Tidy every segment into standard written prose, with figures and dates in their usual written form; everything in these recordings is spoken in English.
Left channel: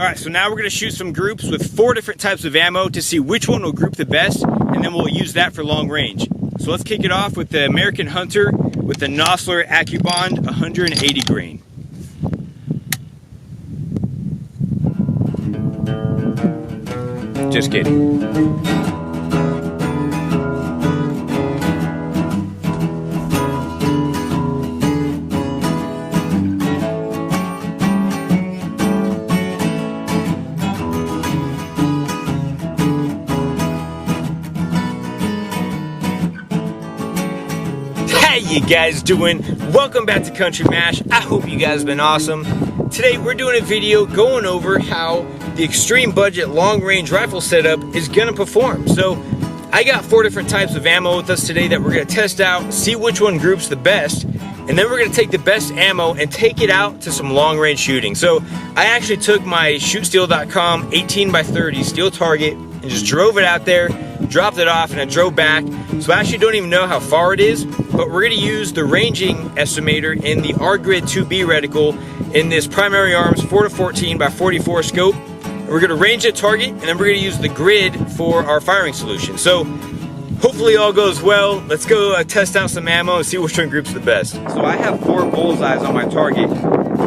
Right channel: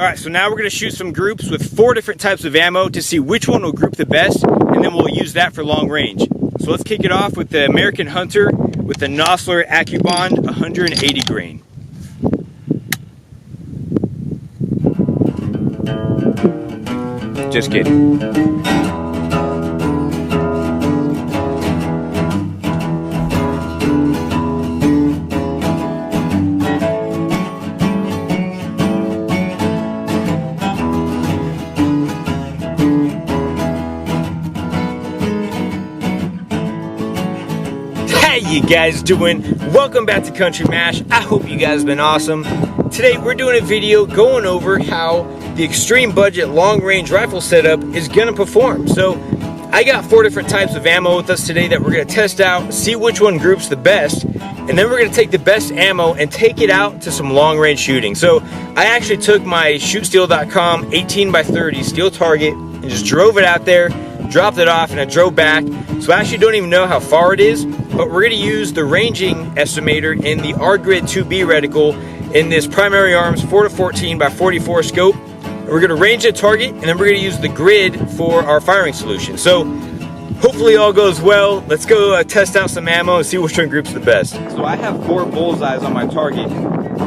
Alright, so now we're going to shoot some groups with 4 different types of ammo to see which one will group the best, and then we'll use that for long range. So let's kick it off with the American Hunter with the NOSLER ACCUBOND 180 grain. Just kidding. How you guys doing? Welcome back to Country Mash. I hope you guys have been awesome. Today we're doing a video going over how the extreme budget long range rifle setup is gonna perform. So I got 4 different types of ammo with us today that we're gonna test out, see which one groups the best, and then we're gonna take the best ammo and take it out to some long range shooting. So I actually took my shootsteel.com 18x30 steel target and just drove it out there, dropped it off, and I drove back. So I actually don't even know how far it is, but we're gonna use the ranging estimator in the R-Grid 2B reticle in this Primary Arms 4-14x44 scope. And we're gonna range the target, and then we're gonna use the grid for our firing solution. So hopefully all goes well. Let's go test out some ammo and see which one groups the best. So I have 4 bullseyes on my target.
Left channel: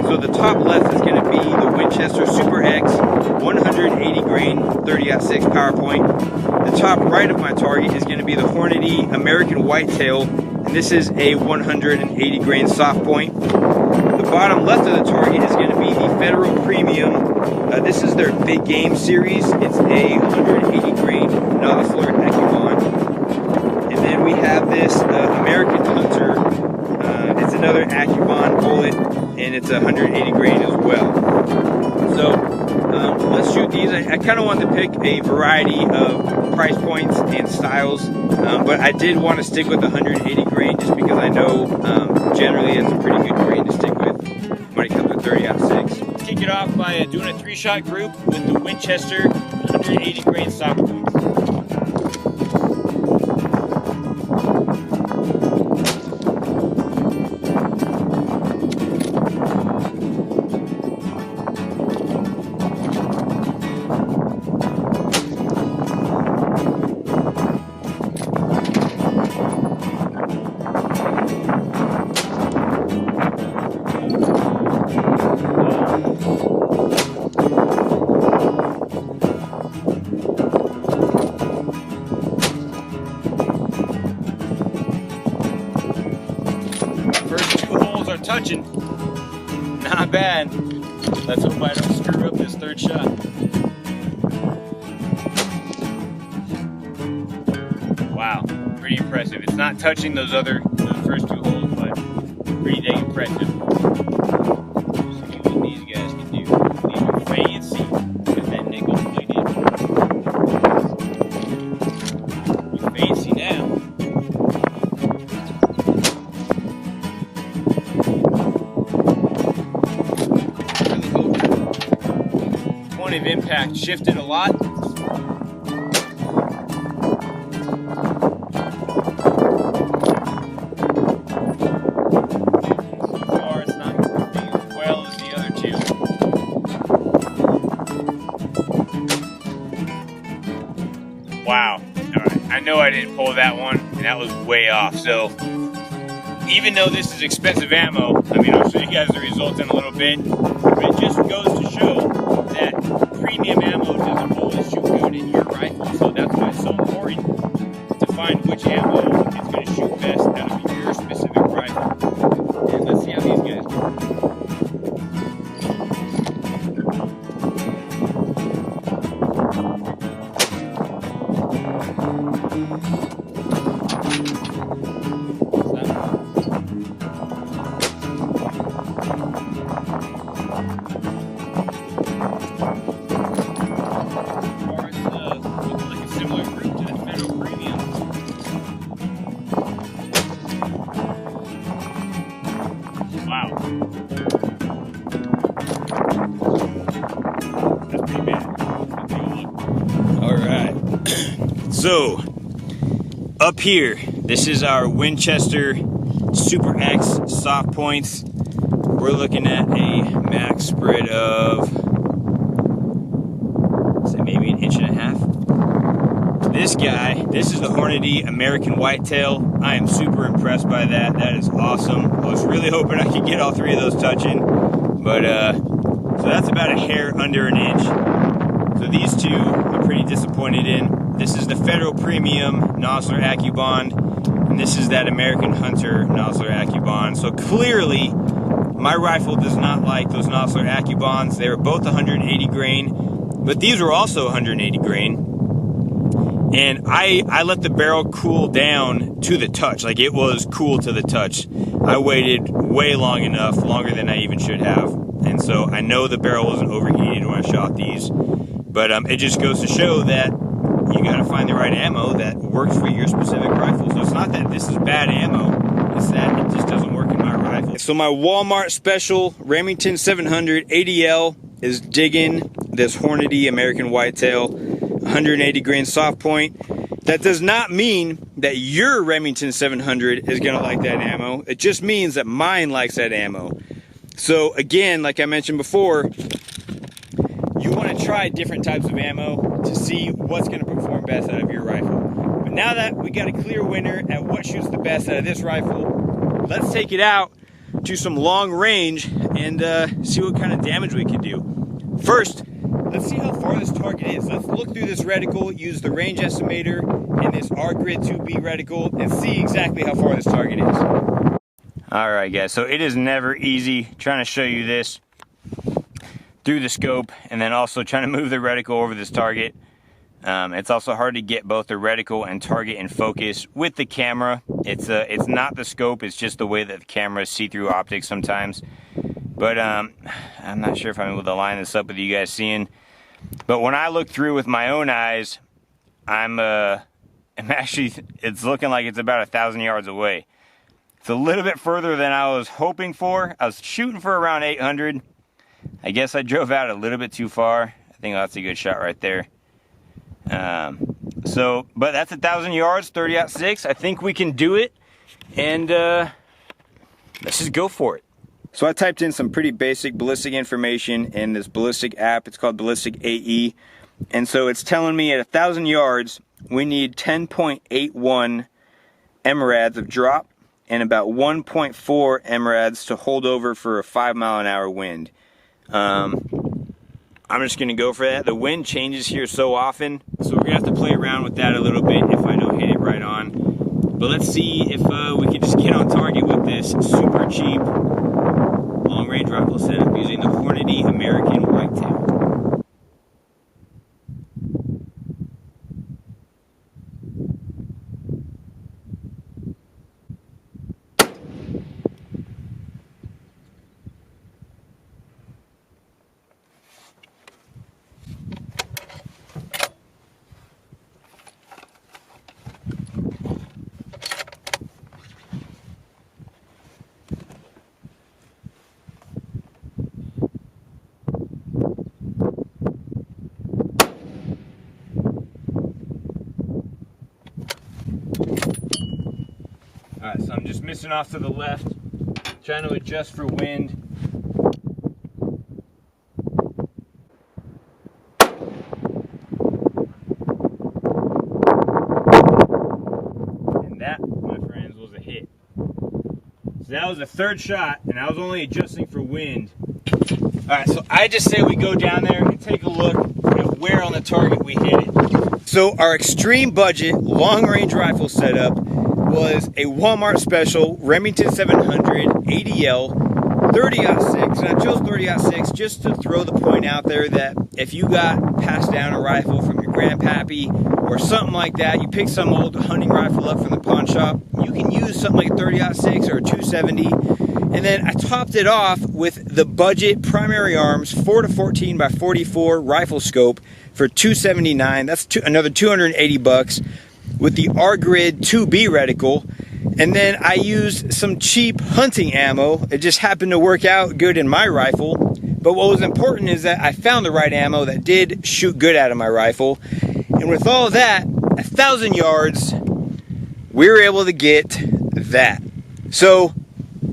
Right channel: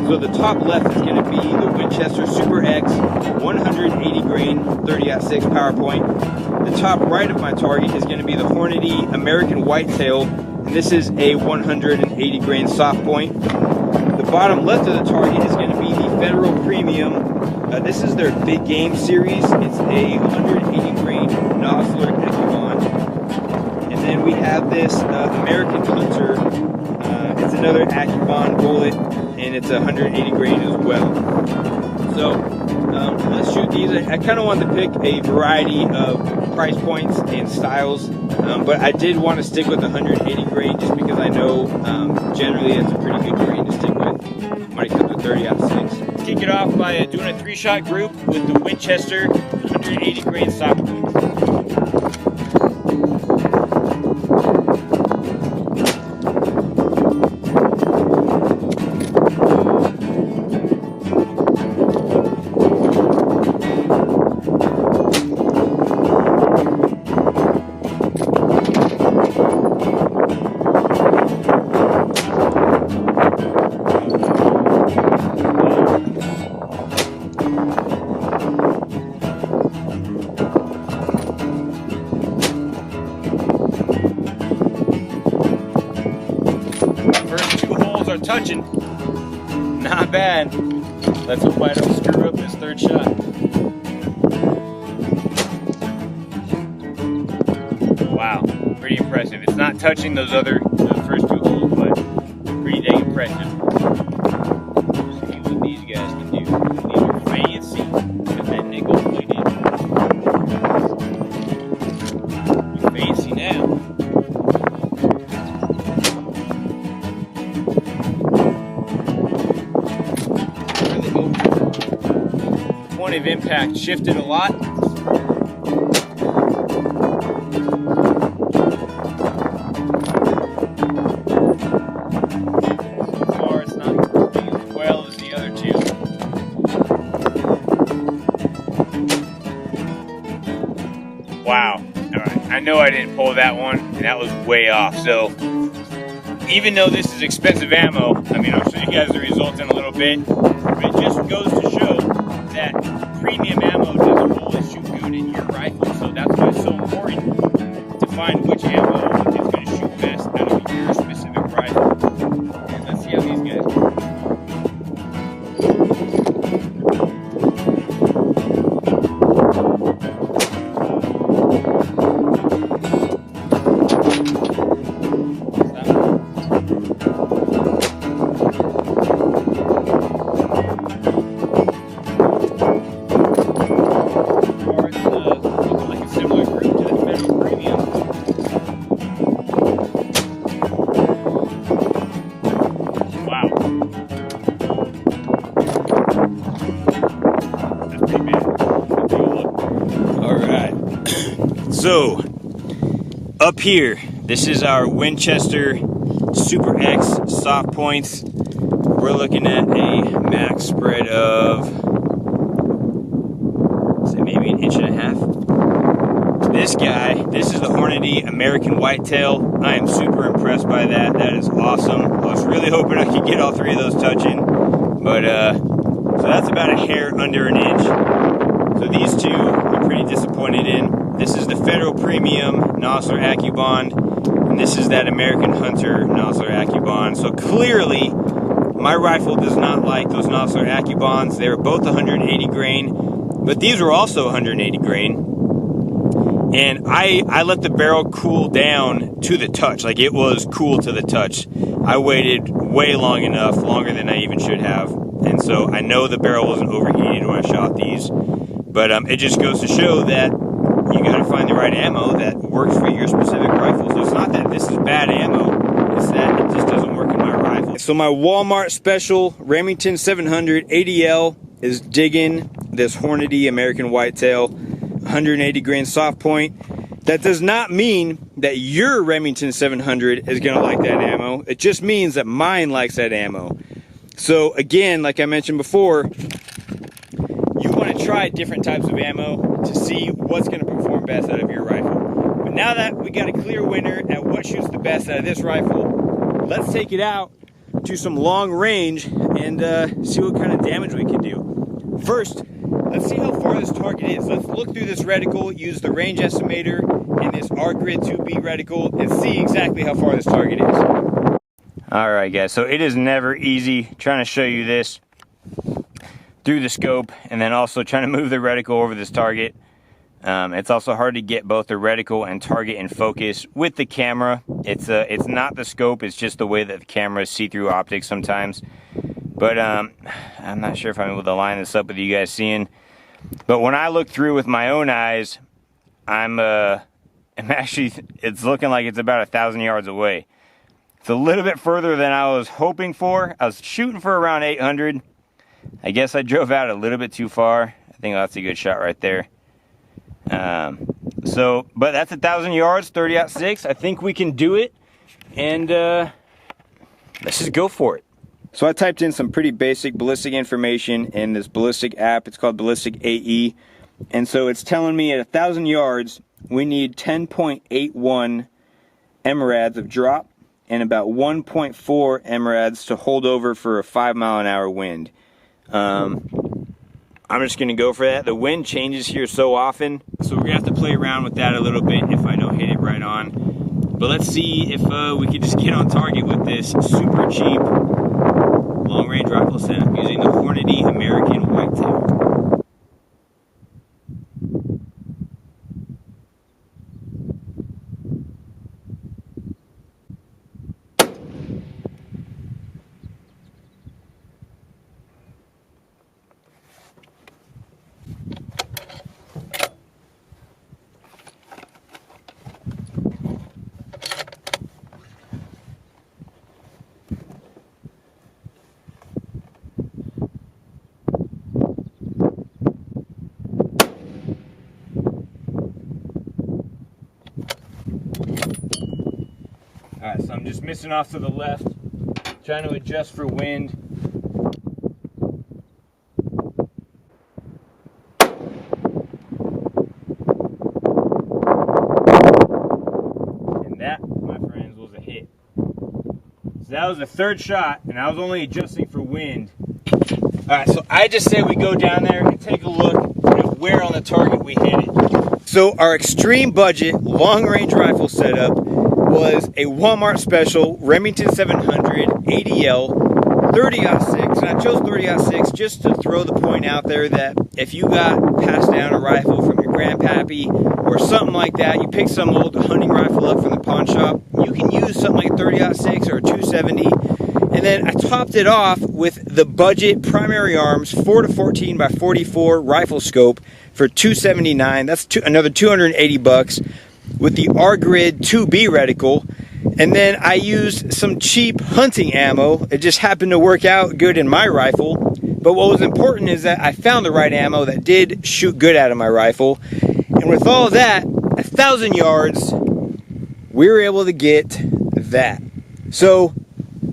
So the top left is gonna be the Winchester Super X 180 grain 30-06 PowerPoint. The top right of my target is going to be the HORNADY American Whitetail, and this is a 180 grain soft point. The bottom left of the target is going to be the Federal Premium. This is their Big Game series. It's a 180 grain NOSLER ACCUBOND. And then we have this American Hunter. It's another ACCUBOND bullet, and it's 180 grain as well. So let's shoot these. I kind of wanted to pick a variety of price points and styles, but I did want to stick with 180 grain just because I know generally it's a pretty good grain to stick with when it comes to 30-06. Let's kick it off by doing a 3-shot group with the Winchester 180 grain soft points. First 2 holes are touching. Not bad. Let's hope I don't screw up this 3rd shot. Wow, pretty impressive. It's not touching those first 2 holes, but pretty dang impressive. Let's see what these guys can do. These are fancy with that nickel plated. Fancy now. Point of impact shifted a lot. So far it's not doing as well as the other 2. Wow. Alright, I know I didn't pull that one, and that was way off. So even though this is expensive ammo, I mean, I'll show you guys the results in a little bit, but it just goes to show that premium ammo doesn't always shoot good in your rifle, so that's why it's so important to find which ammo is going to shoot best out of your specific rifle. And let's see how these guys do. So, up here, this is our Winchester Super X soft points. We're looking at a max spread of this guy, this is the HORNADY American Whitetail. I am super impressed by that. That is awesome. I was really hoping I could get all three of those touching, but so that's about a hair under an inch. So these two I'm pretty disappointed in. This is the Federal Premium NOSLER ACCUBOND, and this is that American Hunter NOSLER ACCUBOND. So clearly, my rifle does not like those NOSLER ACCUBONDs. They were both 180 grain, but these were also 180 grain. And I let the barrel cool down to the touch. Like, it was cool to the touch. I waited way long enough, longer than I even should have. And so I know the barrel wasn't overheated when I shot these. But it just goes to show that you got to find the right ammo that works for your specific rifle. So it's not that this is bad ammo, it's that it just doesn't work in my rifle. So my Walmart special Remington 700 ADL is digging this HORNADY American Whitetail 180 grain soft point. That does not mean that your Remington 700 is going to like that ammo. It just means that mine likes that ammo. So again, like I mentioned before, you want to try different types of ammo to see what's going to perform best out of your rifle. But now that we got a clear winner at what shoots the best out of this rifle, let's take it out to some long range and see what kind of damage we can do. First, let's see how far this target is. Let's look through this reticle, use the range estimator and this R-Grid 2B reticle, and see exactly how far this target is. Alright guys, so it is never easy trying to show you this through the scope and then also trying to move the reticle over this target. It's also hard to get both the reticle and target in focus with the camera. It's not the scope, it's just the way that the cameras see through optics sometimes. But I'm not sure if I'm able to line this up with you guys seeing. But when I look through with my own eyes, I'm actually, it's looking like it's about 1,000 yards away. It's a little bit further than I was hoping for. I was shooting for around 800. I guess I drove out a little bit too far. I think that's a good shot right there. But that's 1,000 yards, 30-06. I think we can do it. And let's just go for it. So I typed in some pretty basic ballistic information in this ballistic app. It's called Ballistic AE. And so it's telling me at 1,000 yards, we need 10.81 MRADs of drop and about 1.4 MRADs to hold over for a 5-mile-an-hour wind. I'm just going to go for that. The wind changes here so often, so we're going to have to play around with that a little bit if I don't hit it right on. But let's see if we can just get on target with this super cheap long-range rifle setup using the HORNADY American Whitetail. Alright, so I'm just missing off to the left, trying to adjust for wind. And that, my friends, was a hit. So that was the third shot, and I was only adjusting for wind. Alright, so I just say we go down there and take a look at where on the target we hit it. So our extreme budget long-range rifle setup was a Walmart special Remington 700 ADL 30-06, and I chose 30-06 just to throw the point out there that if you got passed down a rifle from your grandpappy or something like that, you pick some old hunting rifle up from the pawn shop, you can use something like a 30-06 or a 270. And then I topped it off with the budget Primary Arms 4-14 by 44 rifle scope for $279. That's another 280 bucks. With the R-Grid 2B reticle, and then I used some cheap hunting ammo. It just happened to work out good in my rifle, but what was important is that I found the right ammo that did shoot good out of my rifle. And with all that, 1,000 yards, we were able to get that. So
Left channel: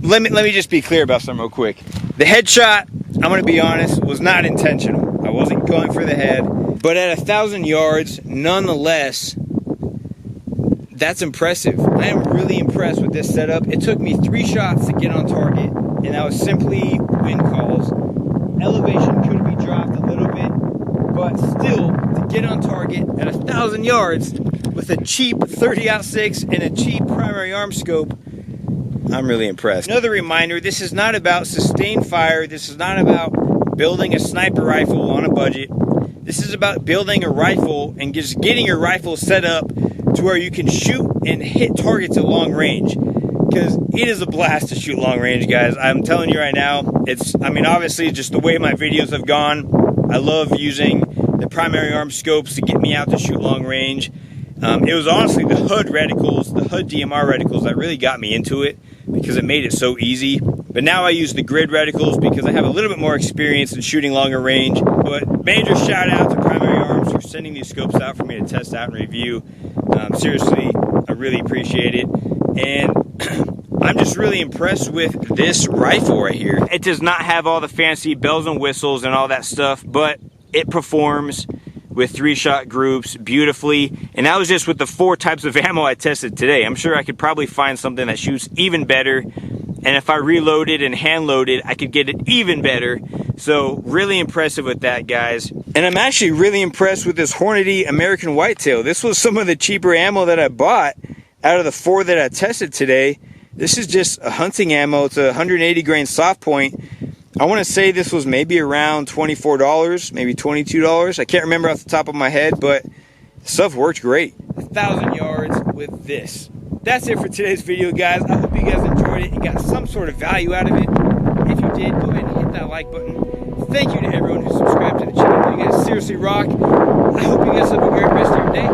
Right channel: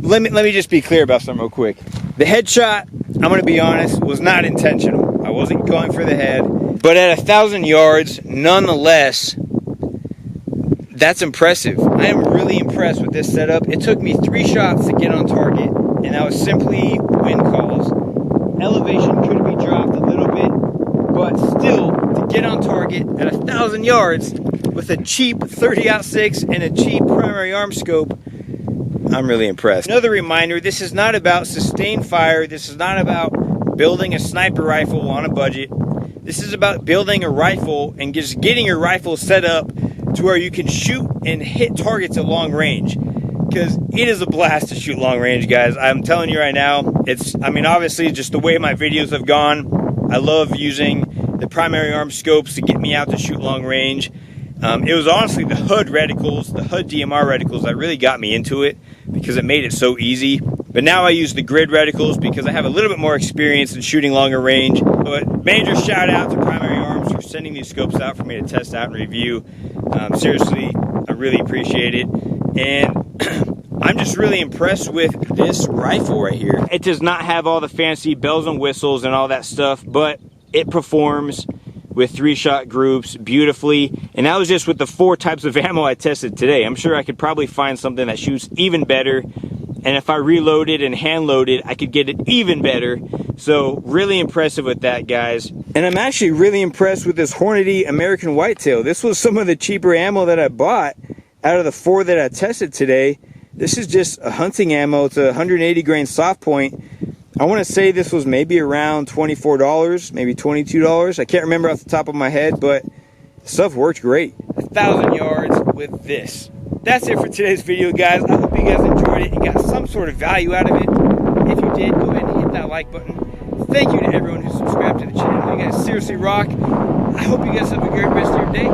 let me just be clear about something real quick. The headshot, I'm going to be honest, was not intentional. I wasn't going for the head, but at 1,000 yards, nonetheless, that's impressive. I am really impressed with this setup. It took me 3 shots to get on target, and that was simply wind calls. Elevation could be dropped a little bit, but still, to get on target at 1,000 yards with a cheap 30-06 and a cheap primary arm scope, I'm really impressed. Another reminder, this is not about sustained fire. This is not about building a sniper rifle on a budget. This is about building a rifle and just getting your rifle set up to where you can shoot and hit targets at long range. Because it is a blast to shoot long range, guys. I'm telling you right now, obviously just the way my videos have gone, I love using the primary arm scopes to get me out to shoot long range. It was honestly the HUD reticles, the HUD DMR reticles that really got me into it because it made it so easy. But now I use the grid reticles because I have a little bit more experience in shooting longer range. But major shout out to Primary Arms for sending these scopes out for me to test out and review. Seriously, I really appreciate it. And I'm just really impressed with this rifle right here. It does not have all the fancy bells and whistles and all that stuff, but it performs with 3-shot groups beautifully. And that was just with the 4 types of ammo I tested today. I'm sure I could probably find something that shoots even better. And if I reloaded and hand loaded, I could get it even better. So really impressive with that, guys. And I'm actually really impressed with this HORNADY American Whitetail. This was some of the cheaper ammo that I bought out of the 4 that I tested today. This is just a hunting ammo. It's a 180 grain soft point. I want to say this was maybe around $24, maybe $22. I can't remember off the top of my head, but stuff worked great. 1,000 yards with this. That's it for today's video, guys. I hope you guys enjoyed it and got some sort of value out of it. If you did, go ahead and hit that like button. Thank you to everyone who subscribed to the channel. You guys seriously rock. I hope you guys have a great rest of your day.